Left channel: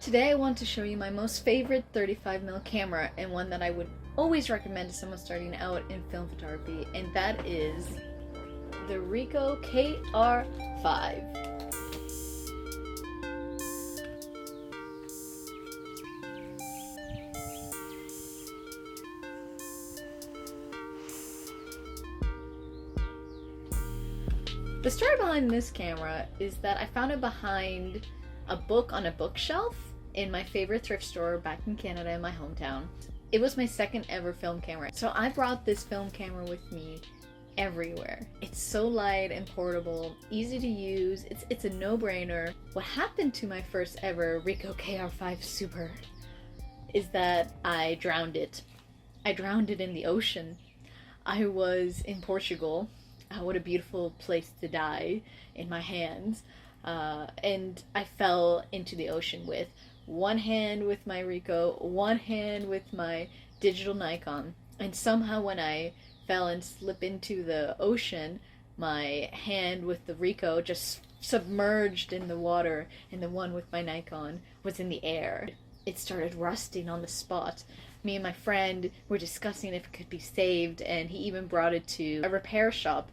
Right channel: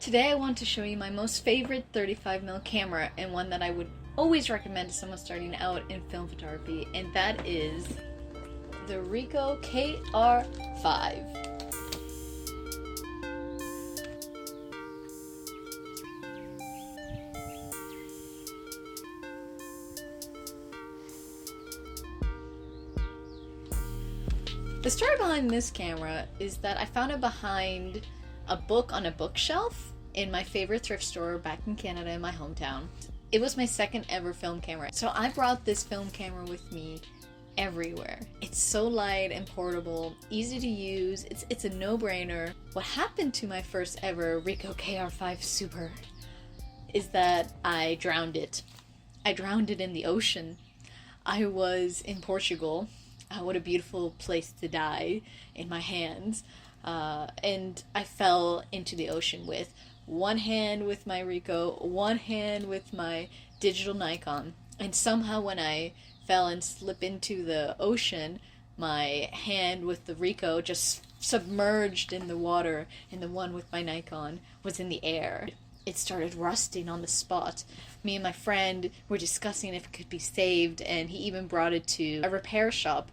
Today I want to show you my most favorite 35mm camera and one that I would always recommend to someone starting out in film photography, and that is the Ricoh KR-5. The story behind this camera is that I found it behind a book on a bookshelf in my favorite thrift store back in Canada in my hometown. It was my second ever film camera, so I brought this film camera with me everywhere. It's so light and portable, easy to use, it's a no-brainer. What happened to my first ever Ricoh KR-5 Super is that I drowned it. I drowned it in the ocean. I was in Portugal. What a beautiful place to die, in my hands. And I fell into the ocean with one hand with my Ricoh, one hand with my digital Nikon. And somehow when I fell and slipped into the ocean, my hand with the Ricoh just submerged in the water, and the one with my Nikon was in the air. It started rusting on the spot. Me and my friend were discussing if it could be saved, and he even brought it to a repair shop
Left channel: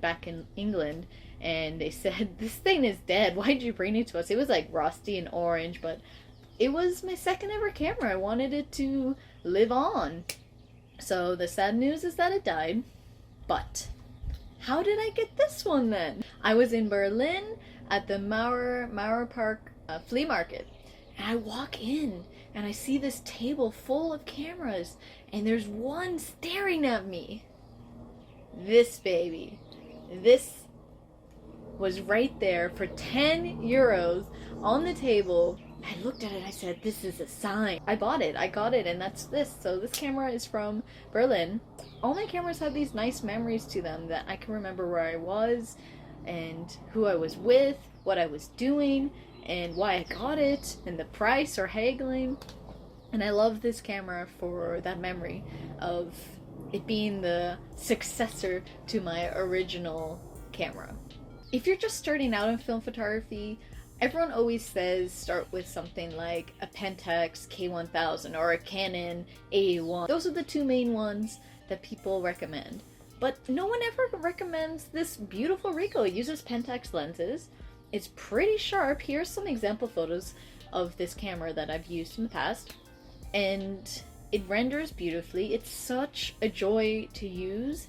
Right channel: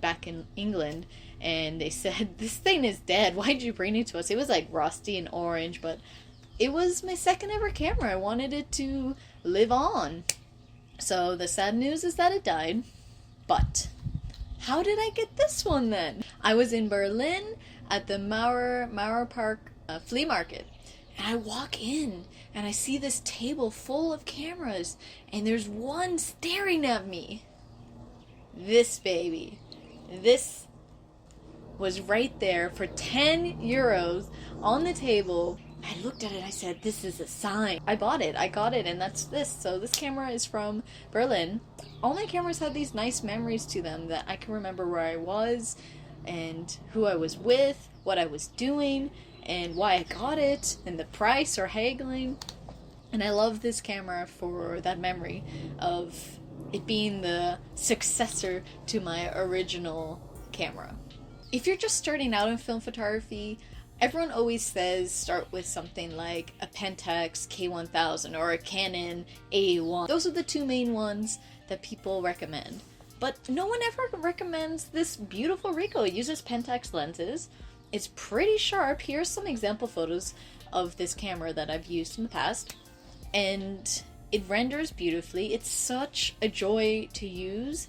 back in England, and they said, "This thing is dead. Why'd you bring it to us?" It was like rusty and orange, but it was my second ever camera. I wanted it to live on. So the sad news is that it died. But how did I get this one then? I was in Berlin at the Mauer Park flea market, and I walk in and I see this table full of cameras, and there's one staring at me. This baby. This was right there for 10 euros on the table. I looked at it and I said, "This is a sign." I bought it. I got it, and that's this. So this camera is from Berlin. All my cameras have these nice memories to them that I can remember where I was and who I was with, what I was doing, and why I got it, and the price or haggling. And I love this camera for that memory of it being the successor to my original camera. If you're just starting out in film photography, everyone always says start with something like a Pentax K1000 or a Canon A1. Those are the two main ones that people recommend. But no one ever recommends this beautiful Ricoh. It uses Pentax lenses. It's pretty sharp. Here's some example photos of this camera that I've used in the past. And it renders beautifully. It's such a joy to use.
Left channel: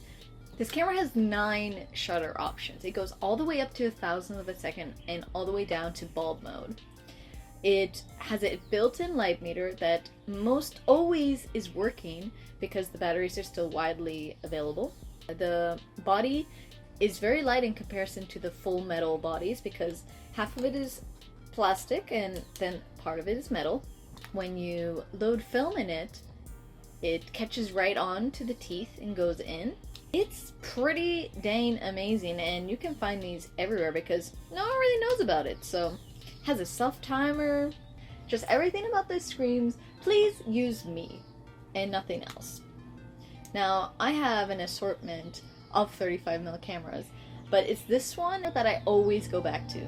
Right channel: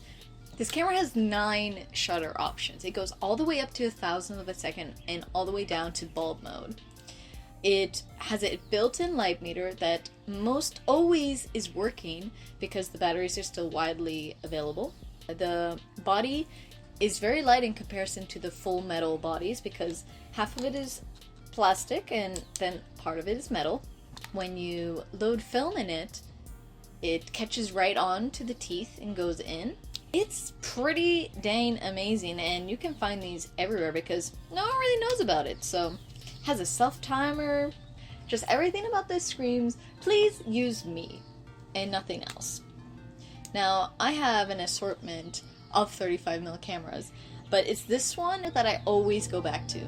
This camera has 9 shutter options. It goes all the way up to 1,000th of a second and all the way down to bulb mode. It has a built-in light meter that most always is working because the batteries are still widely available. The body is very light in comparison to the full metal bodies because half of it is plastic and then part of it is metal. When you load film in it, it catches right on to the teeth and goes in. It's pretty dang amazing, and you can find these everywhere because no one really knows about it. So it has a self-timer, just everything about this screams, please use me and nothing else. Now I have an assortment of 35mm cameras, but it's this one that I always go back to.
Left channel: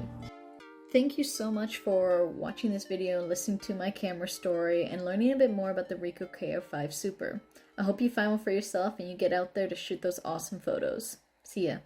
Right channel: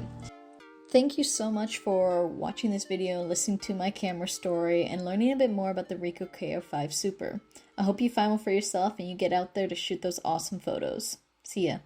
Thank you so much for watching this video and listening to my camera story and learning a bit more about the Ricoh KR-5 Super. I hope you find one for yourself and you get out there to shoot those awesome photos. See ya.